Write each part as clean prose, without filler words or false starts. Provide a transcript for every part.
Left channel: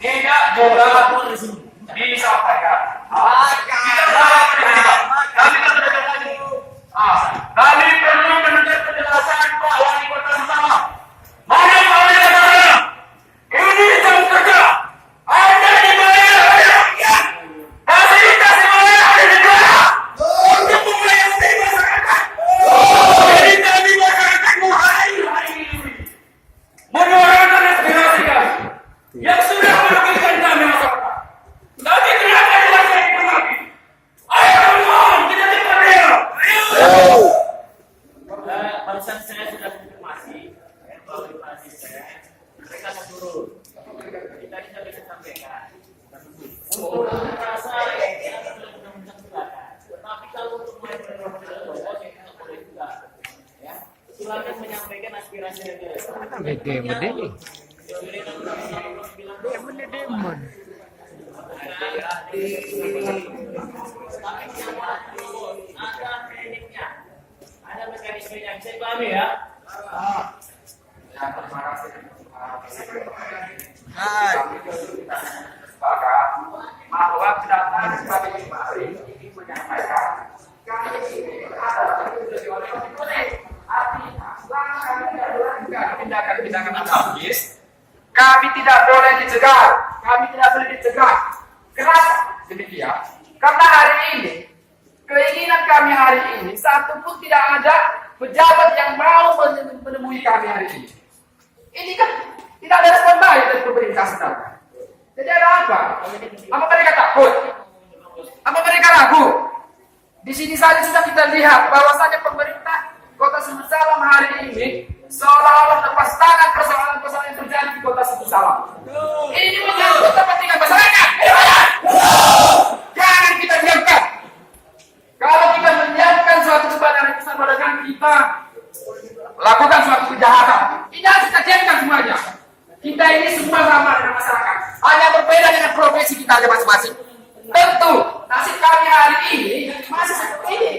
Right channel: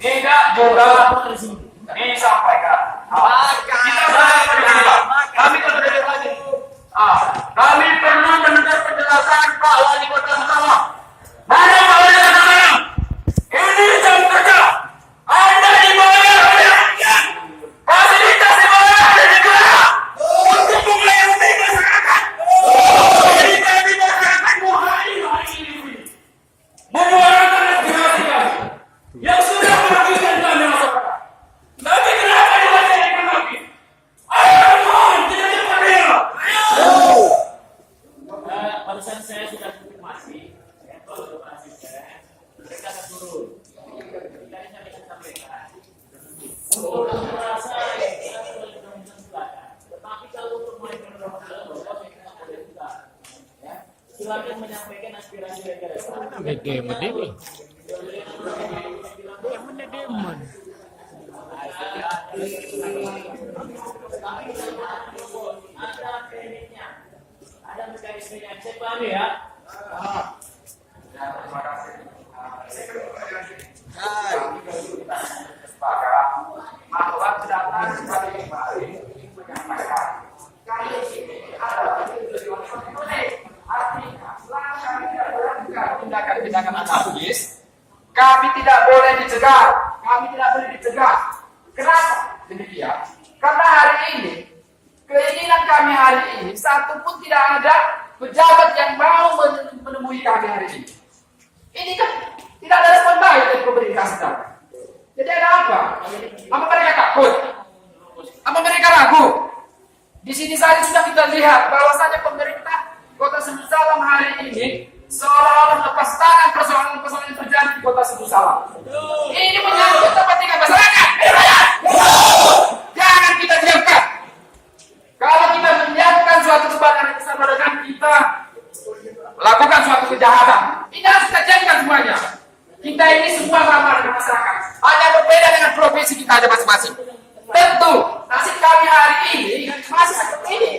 tidak juga disampaikan. Kita kami kan sudah lagi. Kami perlu mendengar penjelasan Pak Wali Kota Sumsala. Mana Pak Wali Kota Sumsala? Ini jam kerja. Anda dibayar oleh rakyat. Fasilitas dibayar oleh negara. Untuk melayani masyarakat. Jadi kami masyarakat hari ini menyuarakan aspirasi kami yang sudah merugikan kami masyarakat. Tapi kenapa dilakukan itu lagi? Ayo mohon kita dipanggil. Ayo. Barusan saya sudah konfirmasi bahwa asisten mereka akan turun. Tadi saya sampaikan untuk merasa kita sudah silakan. Tetapi kalau untuk mereka tidak boleh juga. Ya, silakan menyampaikan aspirasi negara. Ada kliniknya, ada mekanismenya, saya pahami ya. Bahwa kedatangan kami kemarin ingin menyampaikan kami ini adalah artinya selama kami tidak melakukan tindakan-tindakan anarkis, kami tidak boleh dicegah, kami tidak boleh dicegah. Kenapa demikian? Karena hari ini keinginan kami hari ini satu pun tidak ada pejabat yang mau menemui kami hari ini. Ini kan tidak ada respon baik dari pemerintah sedangkan. Jadi ada apa? Apa mereka takut? Apa mereka ragu? Di sini saja sudah kita lihat bahwasanya pemerintah Kota Sumsala hari ini seolah-olah lepas tangan persoalan-persoalan yang terjadi di Kota Sumsala. Ini menyangkut kepentingan masyarakat. Jangan kita diamkan. Kalau kita menyiapkan suatu kebenaran bersama dengan kita lakukan suatu kejahatan, ini harus kita jadikan semuanya. Kita ini semua sama dengan masyarakat, hanya berbeda dengan profesi kita aja masing-masing. Tentu nasib kami hari ini masih seperti ini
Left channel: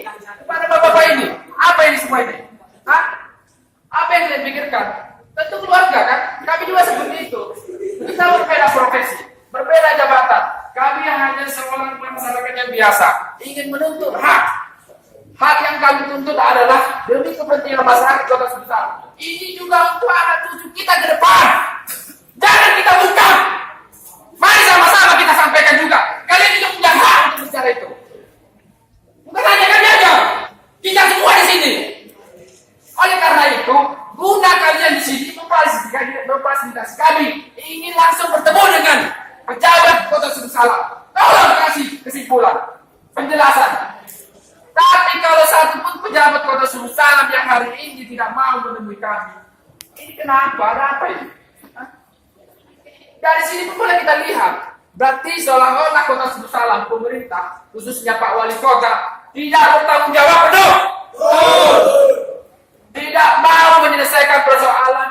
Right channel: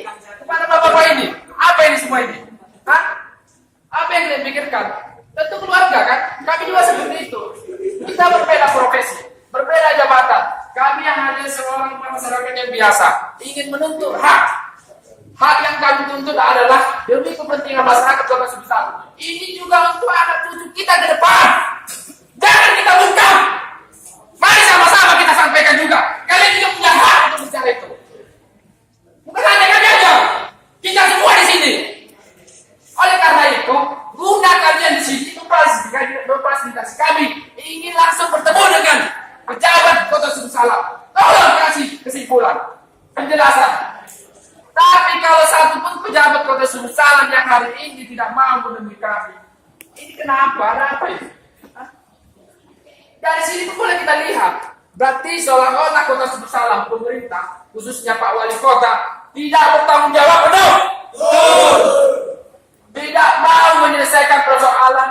kepada bapak-bapak ini. Apa ini semua ini? Hah? Apa yang kalian pikirkan? Tentu keluarga kan? Kami juga seperti itu. Kita berbeda profesi, berbeda jabatan. Kami hanya seorang masyarakat yang biasa, ingin menuntut hak. Hak yang kami tuntut adalah demi kepentingan masyarakat Kota Sumsala. Ini juga untuk anak cucu kita ke depan. Jangan kita bungkam. Mari sama-sama kita sampaikan juga. Kalian juga punya hak untuk bicara itu. Bukan hanya kami aja, kita semua di sini. Oleh karena itu, guna kalian di sini memfasilitasi kami ingin langsung bertemu dengan pejabat Kota Sumsala. Tolong kasih kesimpulan, penjelasan. Tapi kalau satu pun pejabat Kota Sumsala yang hari ini tidak mau menemui kami, ini kenapa? Ada apa ini? Hah? Dari sini pun boleh kita lihat, berarti seolah-olah Kota Sumsala, pemerintah, khususnya Pak Wali Kota, tidak bertanggung jawab penuh. Tidak mau menyelesaikan persoalan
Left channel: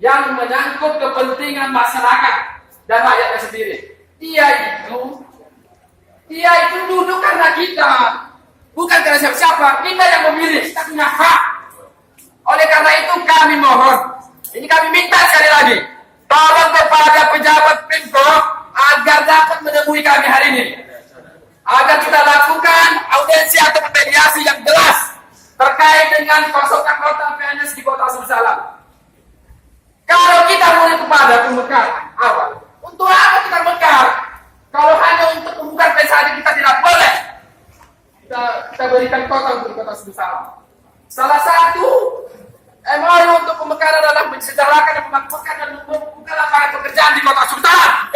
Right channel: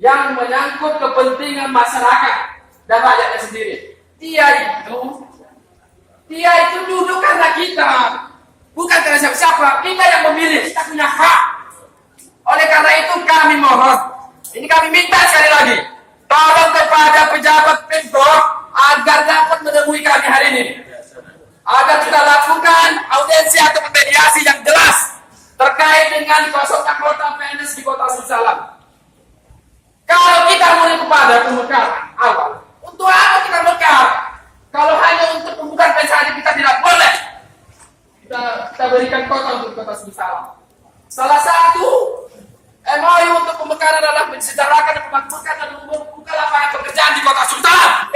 yang menyangkut kepentingan masyarakat dan rakyatnya sendiri. Dia itu duduk karena kita, bukan karena siapa-siapa. Kita yang memilih, kita punya hak. Oleh karena itu kami mohon, ini kami minta sekali lagi, tolong kepada pejabat Pemprov agar dapat menemui kami hari ini, agar kita lakukan audiensi atau mediasi yang jelas terkait dengan kosongnya kota PNS di Kota Sumsala. Kalau kita mulai kepada pemekaran awal, untuk apa kita mekar? Kalau hanya untuk membuka saja kita tidak boleh. Kita berikan kota untuk Kota Sumsala. Salah satu MOU untuk pemekaran adalah mensejahterakan dan memakmurkan dan membuka lapangan pekerjaan di Kota Sumsala.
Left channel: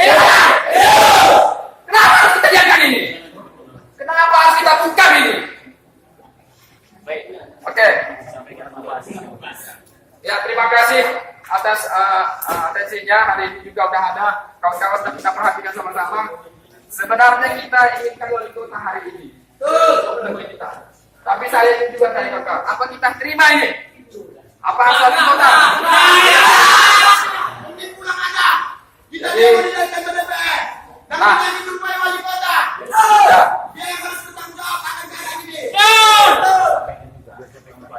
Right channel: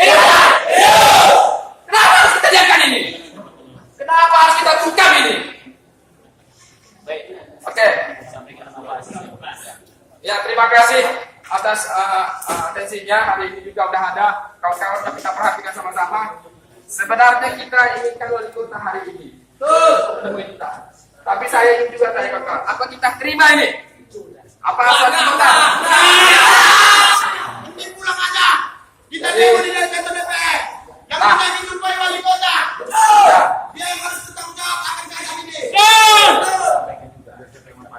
Kenapa harus kita diamkan ini? Kenapa harus kita buka ini? Baik. Oke. Ya, terima kasih atas atensinya. Hari ini juga udah ada kawan-kawan sudah kita perhatikan sama-sama. Sebenarnya kita inginkan wali kota hari ini menemui kita. Tapi saya ingin juga tanya kakak, apa kita terima ini? Apa wali kota? Ini pulang aja. Kita mau di kantor DPR. Yang kita dijumpai wali kota. Ya. Dia yang harus bertanggung jawab akan keadaan ini.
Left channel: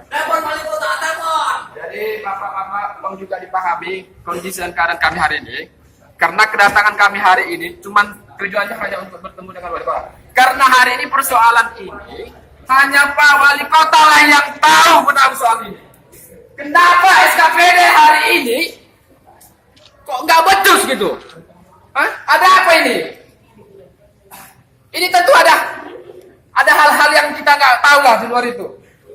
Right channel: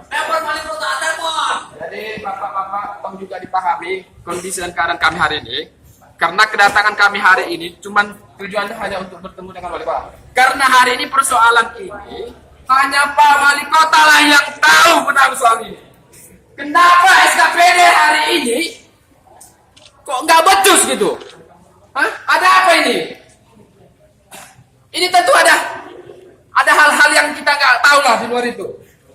Telepon wali kota, telepon. Jadi bapak-bapak tolong juga dipahami kondisi dan keadaan kami hari ini. Karena kedatangan kami hari ini cuman tujuannya hanya untuk bertemu dengan wali kota. Karena hari ini persoalan ini hanya Pak Wali Kota lah yang tahu tentang soal ini. Kenapa SKPD hari ini kok nggak becus gitu? Hah? Ada apa ini? Ini tentu ada hal-hal yang kita nggak tahu lah di luar itu.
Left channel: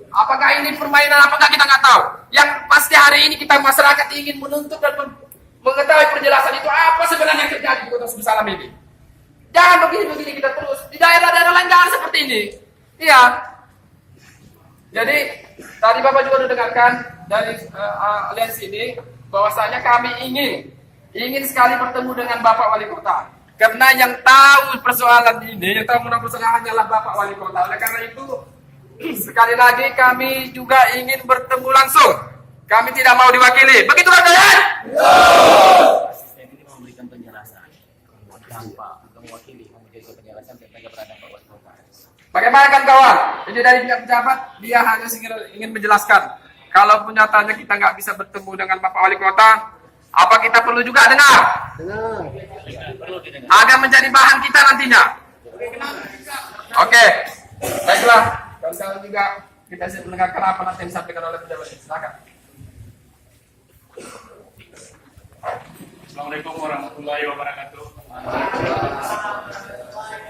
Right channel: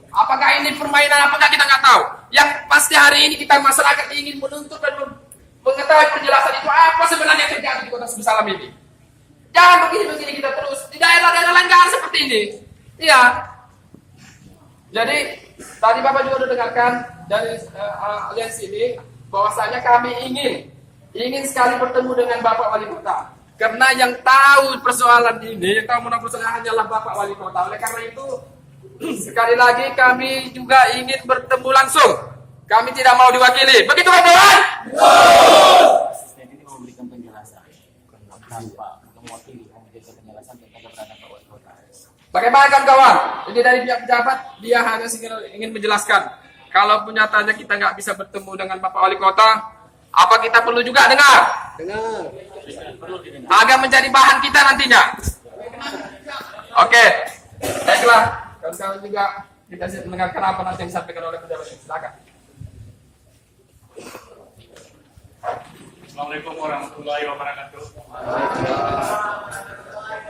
Apakah ini permainan, apakah kita nggak tahu. Yang pasti hari ini kita masyarakat ingin menuntut dan mengetahui penjelasan itu apa sebenarnya yang terjadi di Kota Sumsalam ini. Jangan begini-begini kita terus. Di daerah-daerah lain nggak seperti ini. Iya. Jadi tadi Bapak juga sudah dengarkan dari aliansi ini bahwasanya kami ingin sekali bertemu dengan Bapak Wali Kota. Karena yang tahu persoalan ini, yang tahu mengenai persoalan hanyalah Bapak Wali Kota. Oleh karena itu sekali lagi kami juga ingin bertemu langsung. Kami tidak mau diwakili. Begitu kawan? Asisten ini mau memberikan penjelasan tanpa mewakili, mau memberikan penjelasan tentang keberadaan Pak Wali Kota. Bagaimana kan kawan? Ini dari pihak pejabat, dia hanya ingin menjelaskan. Kalau nyatanya kita nggak bisa bertemu dengan Bapak Wali Kota, apa kita perlu juga dengar? Perlu didengar. Agar menjadi bahan kita nantinya. Oke, baiklah. Kawan-kawan juga kita mendengarkan apa nanti yang disampaikan oleh pejabat. Silakan. Assalamualaikum warahmatullahi wabarakatuh.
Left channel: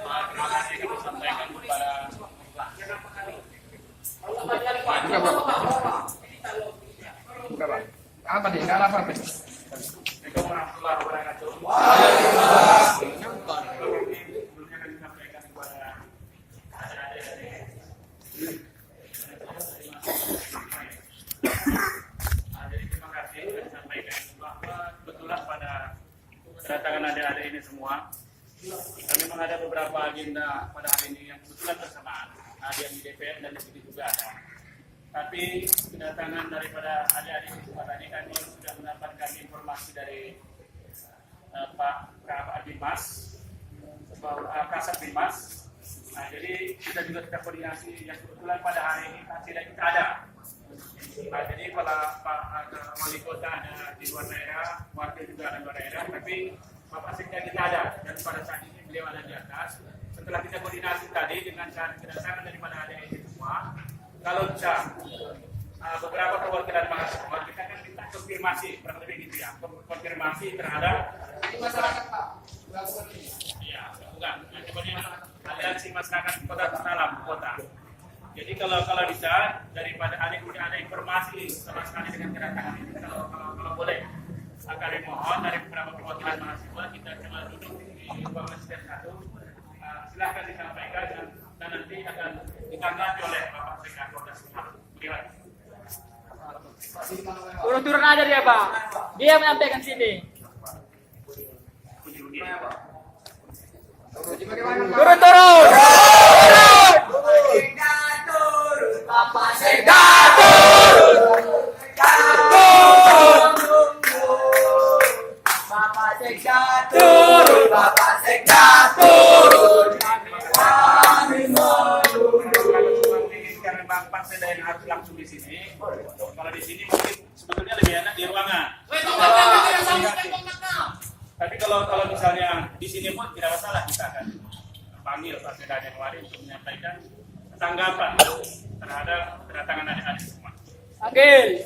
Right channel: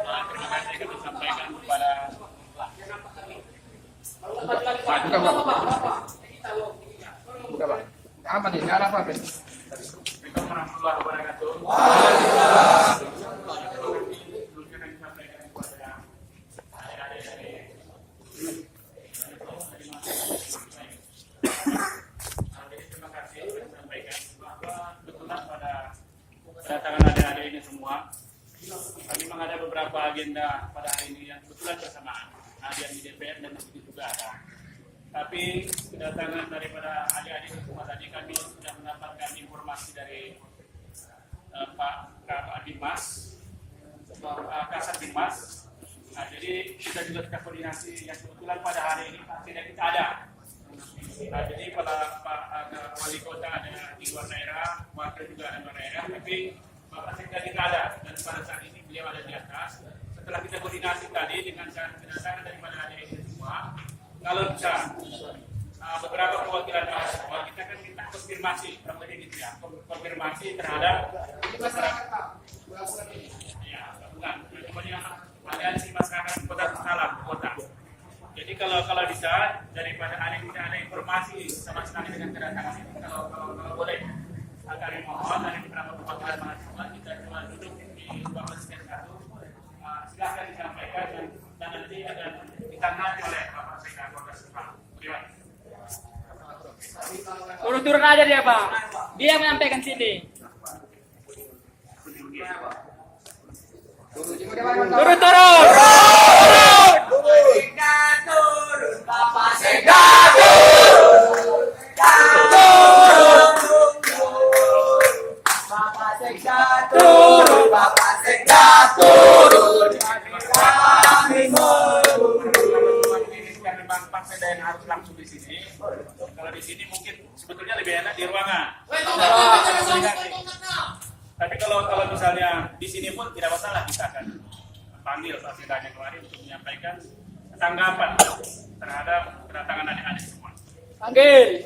Terima kasih kami sampaikan kepada Buka Pak. Apa nih? Nggak ada apa-apa. Assalamualaikum warahmatullahi wabarakatuh. Jadi terima kasih kami sampaikan bahwa kebetulan pada kedatangan adik-adik ini semua, kami memang ada beberapa agenda pada hari ini yang kebetulan bersamaan. Ada yang di DPR dan di sini juga ada. Tapi kedatangan daripada adik-adik semua tadi kami sudah mendapatkan informasi dari Pak Dimas, Kasat Dimas. Nah, jadi kita juga sudah koordinasi yang kebetulan pada hari ini tidak kita ada. Nah, jadi pada Pak Wali Kota ada di luar daerah, wakil juga ada di luar daerah, tapi Bapak Sekda kita ada dan pada saat ini beliau ada di atas. Setelah kita koordinasi tadi dengan cara kedatangan daripada adik ini semua, kalau bisa beberapa perwakilan mahasiswa kita kan minta konfirmasi, kurang lebih gitu ya, konfirmasi terhadap masyarakat. Ya, bukan. Kemudian aliansi masyarakat Kota Sumsalam kota. Jadi kalau bisa daripada ada informasi sama sekali dengan kedatangan ini, kalau boleh, kami mohon dari beberapa perwakilan mahasiswa kita coba duduk di ruang asisten satu. Silahkan disampaikan dan nanti akan ditanggapi oleh Bapak Sekda Kota Sumsalam. Turun-turun aja dia Pak. Dia menyampaikan sini. Turun-turun. Bapak Sekda turun. Bapak Sekda turun. Bapak Sekda turun. Karena Bang Sekda yang harus langsung di sini. Kalau di sini mungkin sebetulnya lebih enak di ruangan. Tapi kalau misalnya di sini pun tidak masalah, kita akan panggil Pak Sekda Januari untuk menyampaikan tanggapan terhadap kedatangan adik-adik semua. Panggil.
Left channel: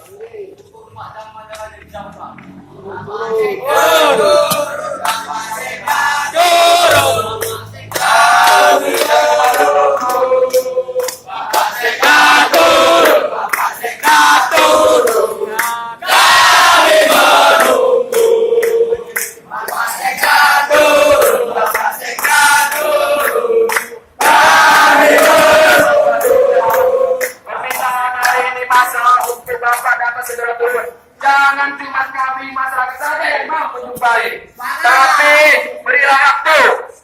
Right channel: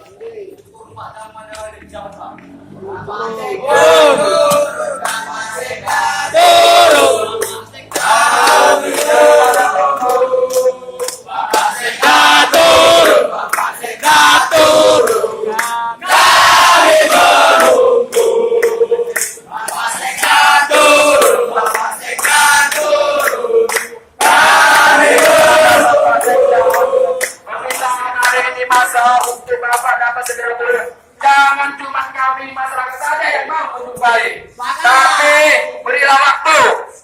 Jangan cuma kami masyarakat saja yang mau menjumpai, tapi berilah waktu.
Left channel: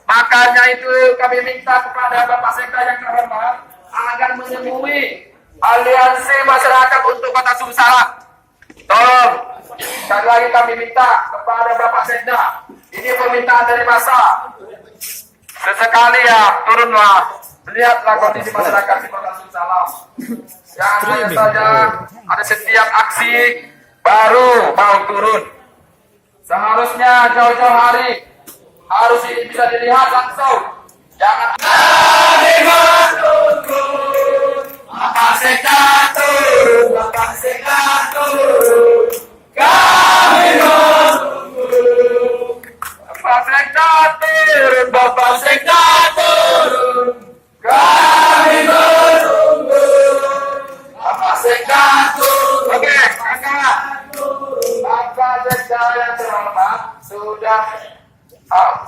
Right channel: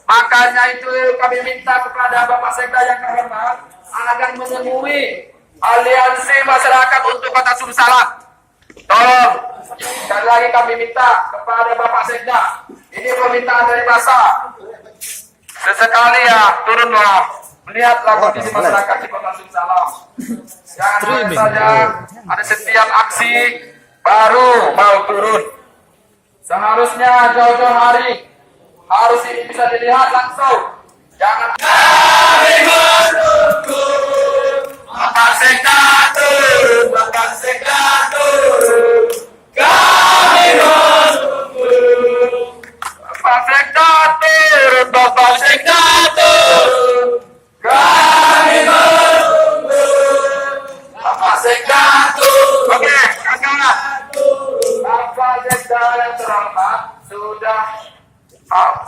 Makanya itu kami minta kepada Bapak Sekda yang terhormat agar menemui aliansi masyarakat untuk Kota Sumsalam. Tolong, sekali lagi kami minta kepada Bapak Sekda, ini permintaan dari masa. Sesekali ya turunlah, melihatlah kondisi masyarakat di Kota Sumsalam. Jangan hanya saja ada setiap aksi baru mau turun. Seharusnya jauh-jauh hari harus ini bisa dilihat langsung. Jangan Bapak Sekda turun, Bapak Sekda turun. Kami menunggu. Bapak Sekda turun, Bapak Sekda turun. Kami menunggu. Bapak Sekda turun. Oke, kawan-kawan. Bapak Sekda yang terhormat sudah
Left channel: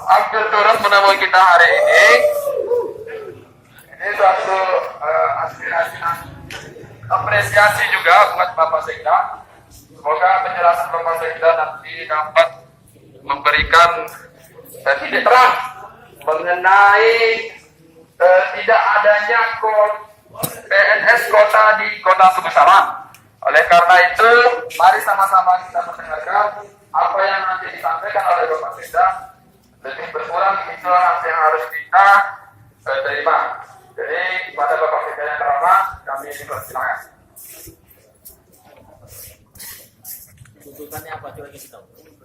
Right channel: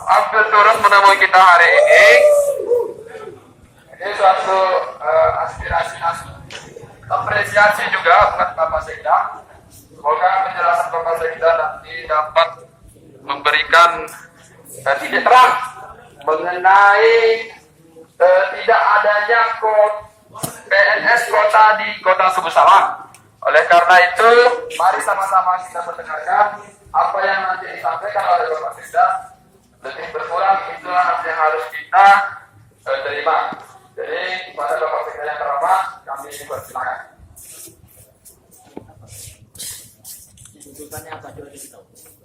hampir turun menemui kita hari ini. Ini suatu aspirasi apresiasi juga buat Bapak Sekda. Semoga penjelasan Bapak Sekda nanti dapat memberikan titik terang mengenai tidak adanya PNS kota di Kota Suku Salam. Oleh karena itu, mari sama-sama kita mendengarkan apa yang nanti disampaikan oleh Bapak Sekda. Lebih berkurang itulah nanti yang harus kita terima. Jadi pada Bapak Sekda yang terhormat, kami dipersilakan. Tuntutannya apa? Coba kasih tahu.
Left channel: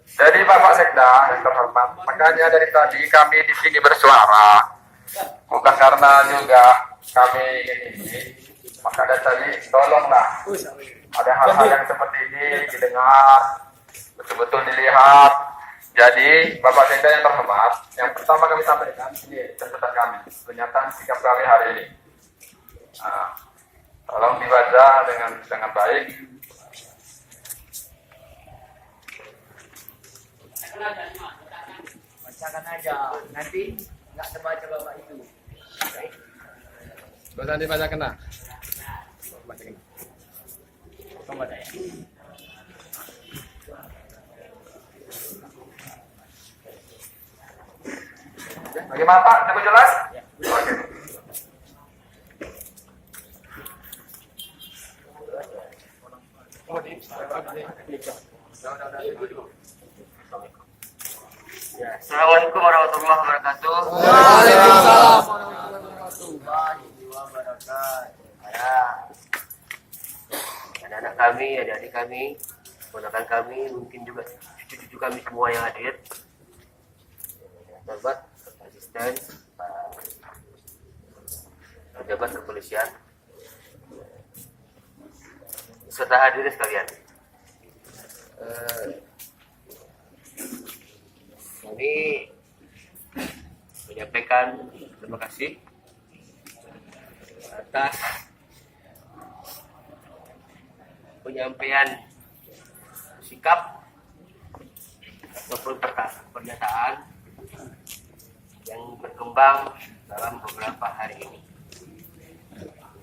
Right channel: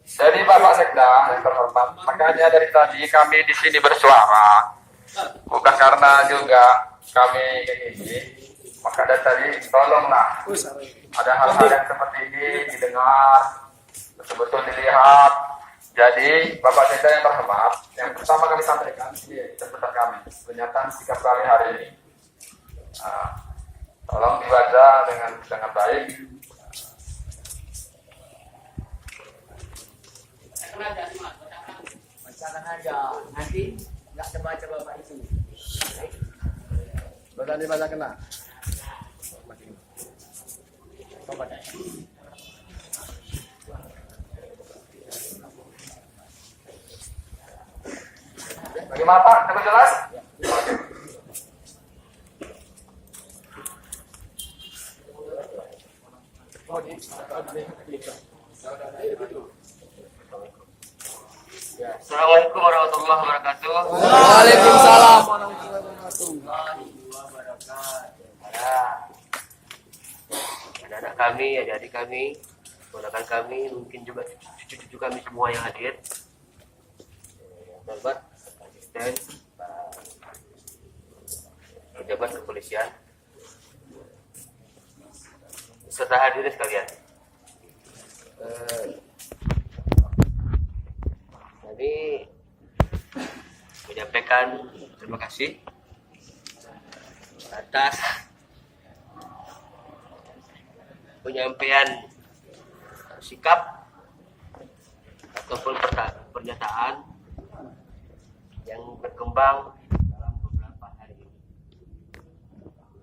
Jadi Bapak Sekda yang terhormat, makanya dari tadi kami di sini bersuara, bukan karena juga kami ini, maka dari tadi tolonglah ada hal-hal yang seperti ini didengar, betul-betul dilihat. Jadi Bapak Sekda yang terhormat, yang pertama kami sampaikan ini catatan kami, pernyataan sikap kami hari ini. Tolong dibaca dengan baik. Bacakan aja, nanti nggak terbaca bapak itu. Baca dibaca kena. Coba deh. Bagaimana Pak? Cukup jelas? Oke. Assalamualaikum warahmatullahi wabarakatuh. Waalaikumsalam. Warahmatullahi wabarakatuh. Anak-anak kami, adik-adik kami, ponakan kami, mungkin juga cucu-cucu kami semua yang hadir. Terhormat Bapak Asisten, Pak pejabat kepolisian, serta hadirin sekalian. Kami menyampaikan terima kasih atas penyampaian sikap ataupun pernyataan yang berkembang dalam beberapa hari ini.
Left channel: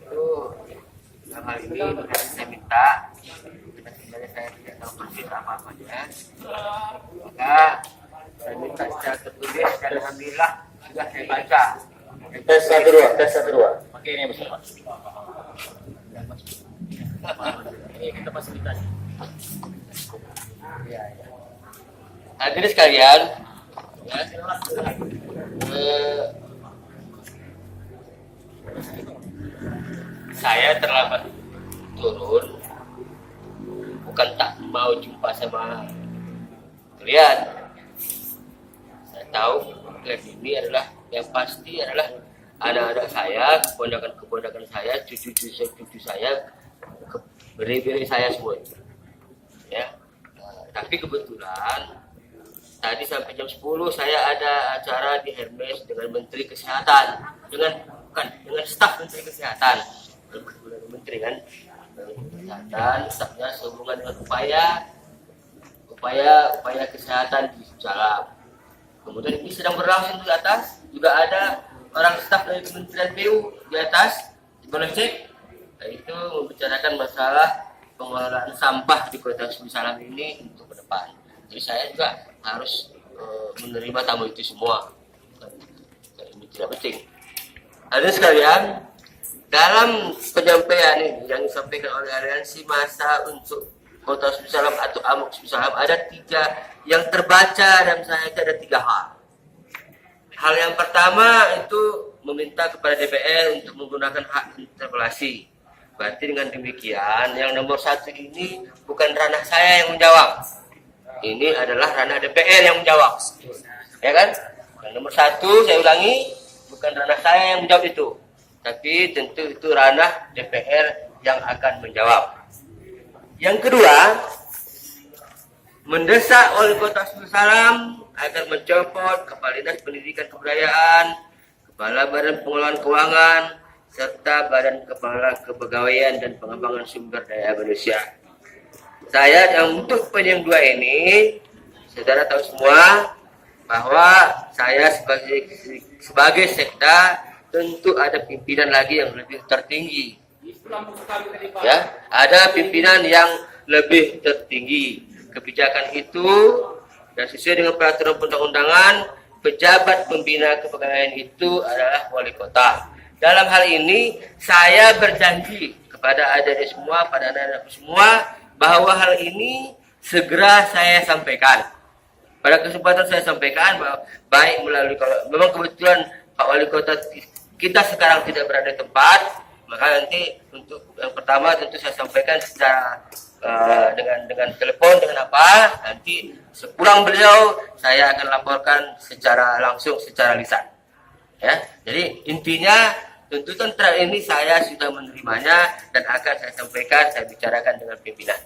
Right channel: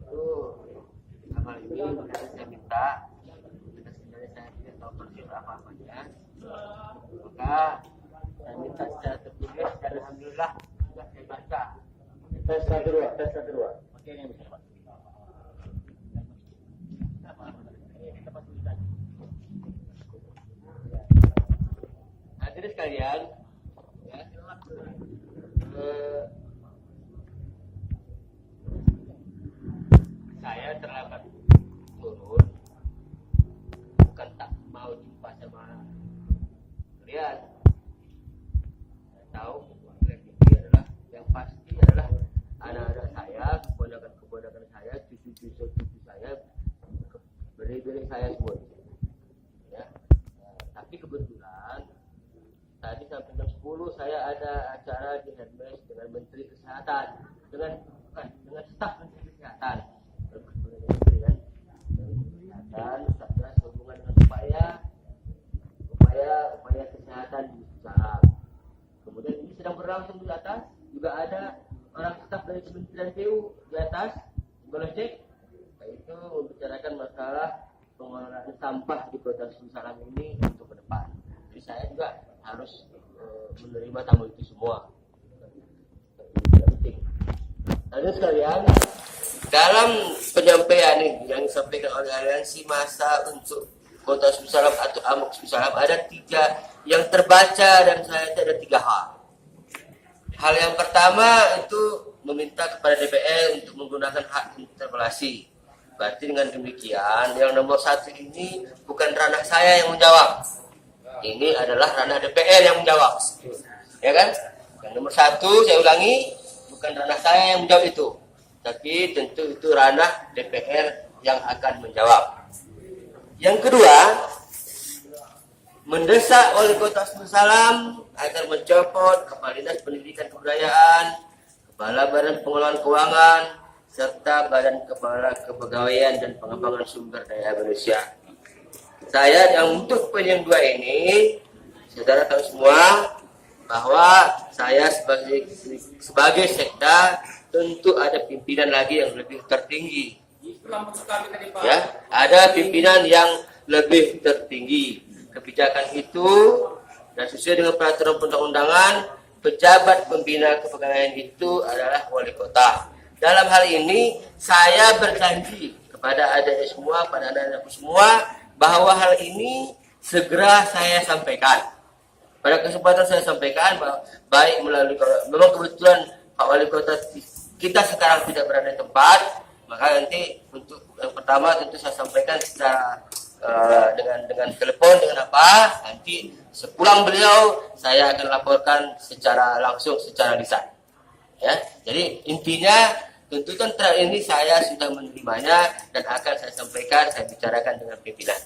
Itu dalam hal ini saya minta, sebenarnya saya tidak tahu persis apa-apanya, maka saya minta secara tertulis dan alhamdulillah sudah saya baca. Tes 1 2. Pakai ini besar Pak. Ini kita fasilitasi. Hadirin sekalian, ya, saya terlambat turun bukan tak mau jumpa sama kalian. Saya tahu kalian ini adalah yang pasti adalah anak-anak saya, keponakan saya, cucu saya, beri saya semua. Ya. Tapi kebetulan tadi sampai jam 10 saya ada acara di Hermes dengan Menteri Kesehatan, dengan staf Menteri Kesehatan. Menteri kan, Kesehatan, stafnya sehubungan dengan upaya kesehatan di Salam. Kemudian ini sedang berlangsung di atas, juga ada orang staf dari Kementerian PU di atas, boleh cek. Nah, itu membicarakan masalah pengelolaan sampah di Kota Suku Salam ini untuk ke depan. Jadi saya juga harus menerima tamu itu semua. Ini tidak penting. Hadirin sekalian, dalam penyampaian ini yang disampaikan oleh Aliansi Massa untuk Kota Suku Salam atau AMUK Suku Salam ada 3 yang terbaca dan saya ada 3 hal. Hal yang pertama itu meminta kepada DPR untuk menggunakan hak interpelasi. Berarti dengan demikian yang nomor 1 ini bukan ranah saya yang menjawab. ini adalah ranah DPR yang menjawab, ya kan? Yang nomor satu, saya ulangi, bukan ranah saya yang menjawab itu, tapi tentu itu ranah DPR yang akan menjawab. Yang kedua, mendesak Wali Kota Sebul Salam agar mencopot Kepala Dinas Pendidikan Kebudayaan, Kepala Badan Pengelolaan Keuangan, serta Badan Kepala Kepegawaian dan Pengembangan Sumber Daya Manusia. Saya untuk poin yang dua ini, saudara tahu semua bahwa saya sebagai sekda tentu ada pimpinan lagi yang lebih tertinggi. Ya, ada pimpinan yang lebih tertinggi. Kebijakan itu dan sesuai dengan peraturan perundang-undangan, pejabat pembina kepegawaian itu adalah wali kota. Dalam hal ini saya berjanji kepada adik-adik semua, pada anak-anakku semua, bahwa hal ini segera saya sampaikan. Pada kesempatan saya sampaikan bahwa baik melalui, memang kebetulan Pak Wali Kota kita sekarang tidak berada di tempat, maka nanti untuk yang pertama tentu saya sampaikan secara dengan telepon, dengan apa, nanti sepulang beliau saya akan laporkan secara langsung, secara lisan. Ya, jadi intinya tuntutan terakhir ini saya sudah menerimanya dan akan saya sampaikan, saya bicarakan dengan pimpinan.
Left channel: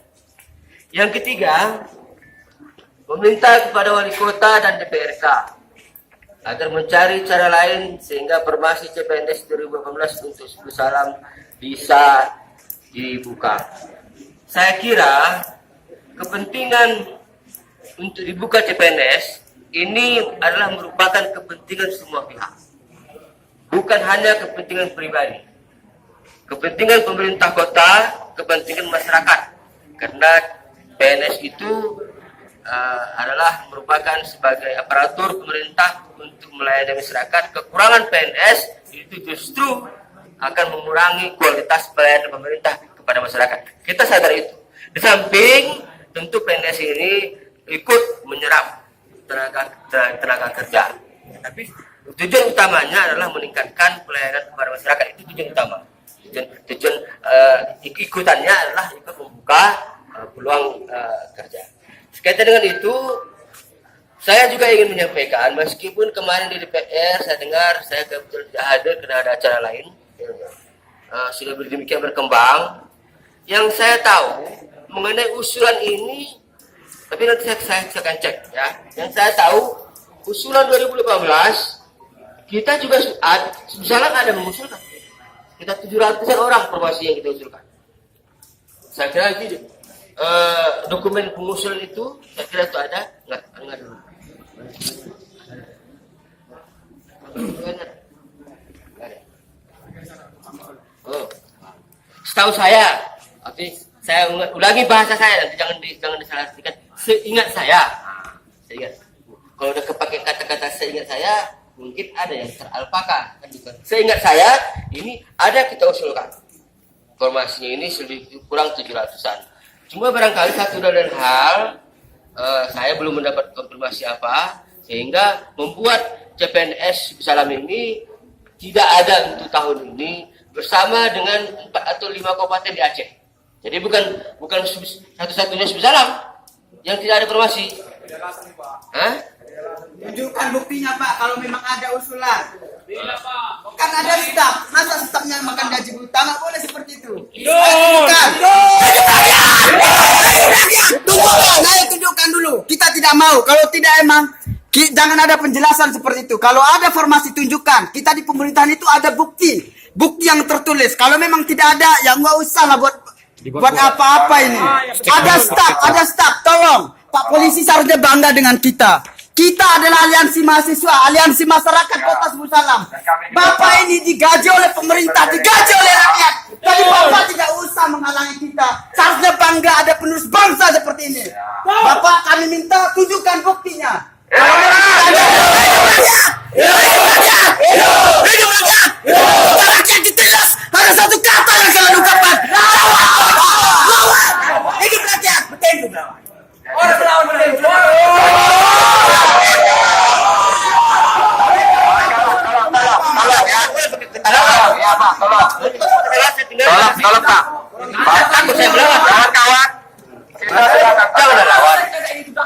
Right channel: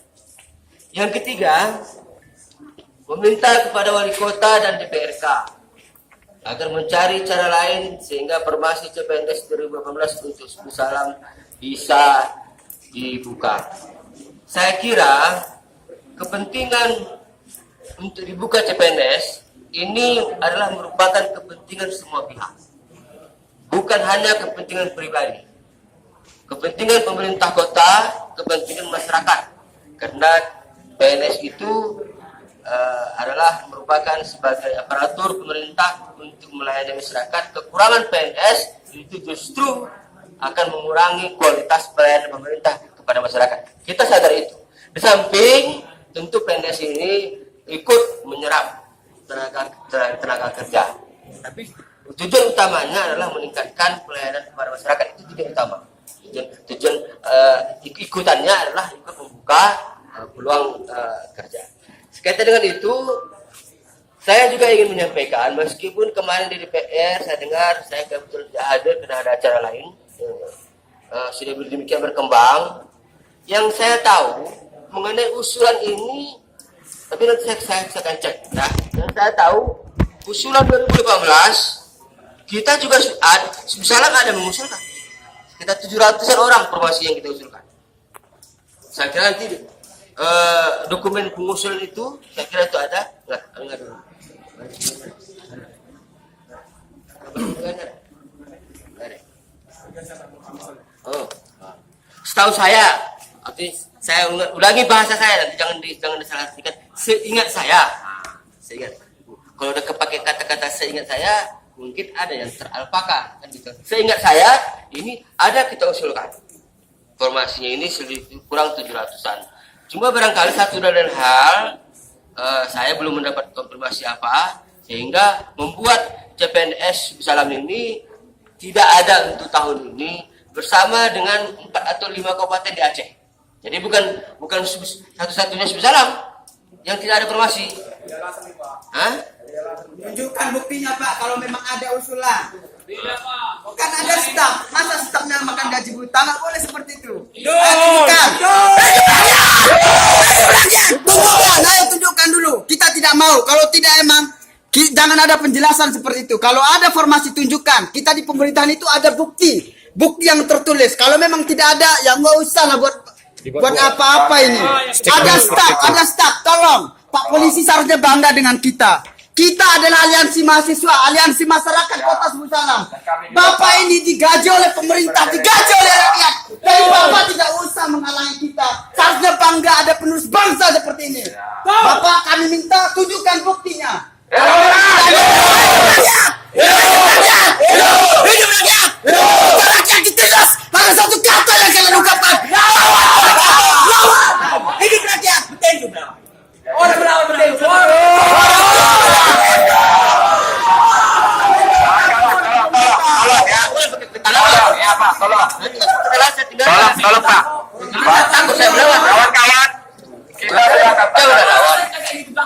Yang ketiga, meminta kepada wali kota dan DPRK agar mencari cara lain sehingga formasi CPNS 2018 untuk Sebul Salam bisa dibuka. Saya kira kepentingan untuk dibuka CPNS ini adalah merupakan kepentingan semua pihak. Bukan hanya kepentingan pribadi. Kepentingan pemerintah kota, kepentingan masyarakat. Karena PNS itu adalah merupakan sebagai aparatur pemerintah untuk melayani masyarakat. Kekurangan PNS itu justru akan mengurangi kualitas pelayanan pemerintah kepada masyarakat. Kita sadar itu. Di samping tentu PNS ini ikut menyerap tenaga kerja. Tapi tujuan utamanya adalah meningkatkan pelayanan kepada masyarakat. Itu tujuan utama. Tujuan ikutannya adalah ikut membuka peluang kerja. Sekaitan dengan itu, saya juga ingin menyampaikan, meskipun kemarin di DPR saya dengar, saya kebetulan tidak hadir karena ada acara lain, sudah demikian berkembang. Yang saya tahu mengenai usulan ini, tapi nanti saya akan cek. Ya. Yang saya tahu, usulan 2018, kita juga misalnya ada mengusulkan. Kita 700-an orang formasi yang kita usulkan. Saya kira nanti dokumen pengusulan itu, saya kira itu ada. Enggak dulu. Oh, setahu saya, tapi saya ulangi bahasa saya, nanti jangan disalah-artikan. Seingat saya, seingat. Kalau udah kepakai kata-kata seingat saya, mungkin ada yang teralpakan. Seingat saya, ini ada kita usulkan. Formasinya ini kurang 700-an. Cuma barangkali satu dan lain hal, saya belum mendapat konfirmasi apa, sehingga membuat CPNS Sebul Salam ini tidak ada untuk tahun ini bersama dengan 4 atau 5 kabupaten di Aceh. Jadi bukan satu-satunya Sebul Salam yang tidak ada formasi. Hah? Tunjukkan buktinya Pak kalau memang ada usulan. Kan ada staf, masa stafnya makan gaji buta, nggak boleh seperti itu. Tunjukkan dulu. Kita tidak mau. Kalau tidak emang jangan ada penjelasan seperti itu. Kalau ada formasi tunjukkan. Kita di pemerintahan itu ada bukti yang tertulis. Kalau memang tidak ada, ya nggak usah lah buat apa-apa ini. Ada staf. Tolong, Pak Polisi seharusnya bangga dengan kita. Kita adalah aliansi mahasiswa, aliansi masyarakat Kota Sebul Salam. Bapak ini digaji oleh pemerintah, digaji oleh rakyat. Jadi Bapak tidak usah menghalangi kita. Seharusnya bangga ada penerus bangsa seperti ini. Bapak kami minta tunjukkan buktinya. Kalau hidup rakyat! Rakyat ditindas. Ada satu kata yang kalian ungkapkan. Lawan! Hidup rakyat! Betul. Ya Pak, tolong Pak. Kawan-kawan, Kita silakan kawan.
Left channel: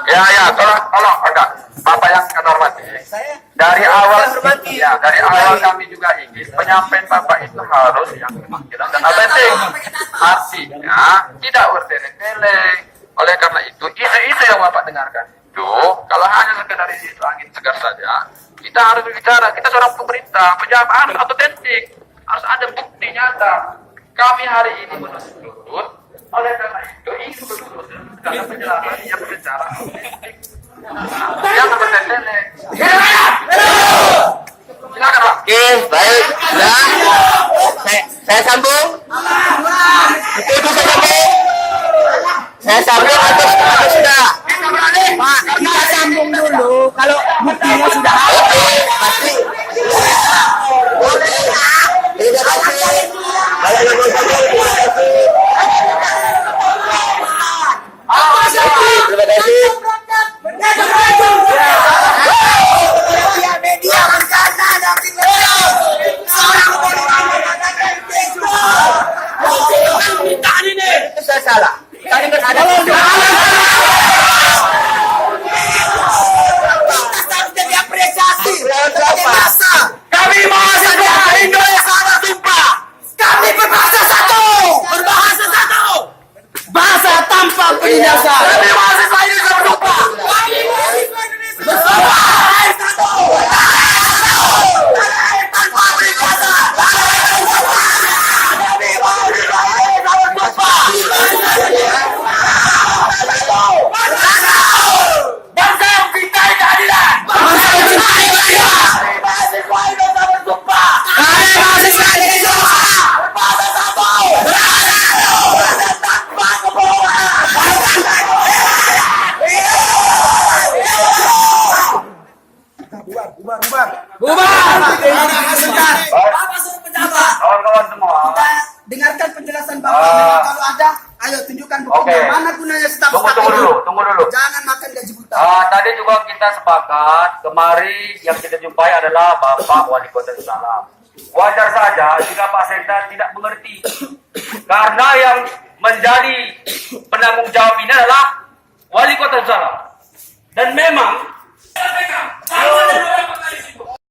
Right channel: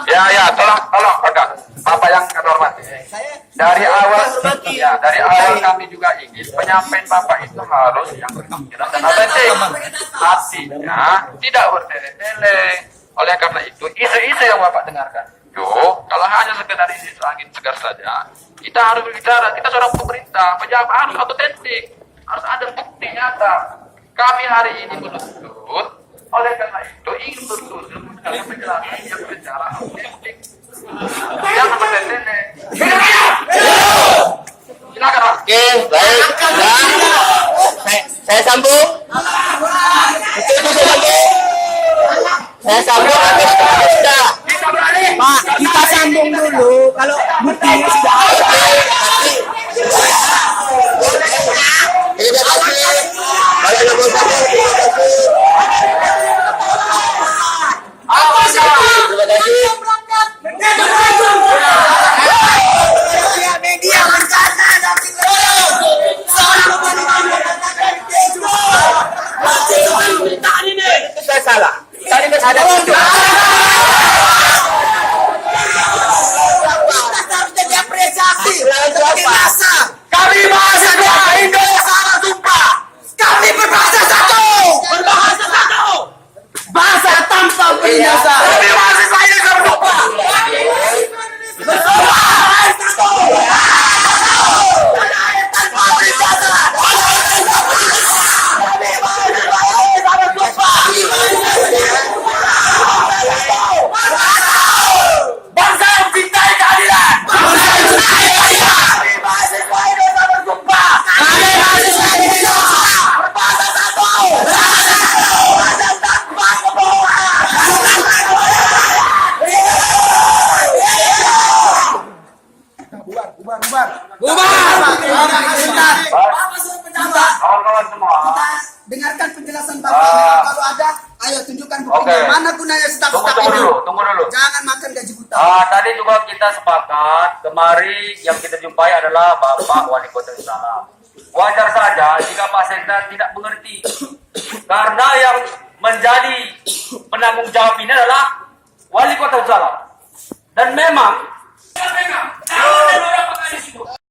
Ya, tolong agak Bapak yang kami hormati. Dari awal kami juga ingin penyampaian Bapak itu harus yang jelas dan penting. Artinya tidak bertele-tele. Oleh karena itu isu-isu yang Bapak dengarkan itu kalau hanya sekedar isu angin segar saja, kita harus berbicara. Kita seorang pemerintah, pejabat harus otentik, harus ada bukti nyata. Kami hari ini menuntut, oleh karena itu ingin betul-betul karena penjelasan yang berbicara jangan bertele-tele. Silakan Pak. Oke, baik. Ya. Saya sambung. Betul saya sambung. Saya sambung atau sudah? Pak, kita sambung dulu. Kalau buktinya sudah ada. Pasti. Terima kasih. Kalau yang mau sambung, terima kasih. Terima kasih. Media bencana dan Itu saya salah. Tadi kan ada itu. harusnya diapresiasi sebagai masa. Kami mahasiswa Indonesia sumpah. Kami berbahasa satu. Bahasa tanpa binasa. Kami mahasiswa Indonesia bersumpah. Bangsa yang cintai keadilan. Kawan-kawan semua. Kita dengarkan penjelasan Bapak. Kalau ada, ayo tunjukkan buktinya. Oke. Mana gunanya staf-staf Tunggu ini? dulu. Jangan makan gaji buta. Tadi juga kita sepakat, kemari yang kita jumpai adalah Bapak Wali Kota Salam. Wajar saja jika Pak Sekda tidak mengerti. Karena yang menjadi penanggung jawab ini adalah Wali Kota Salam. Dan memang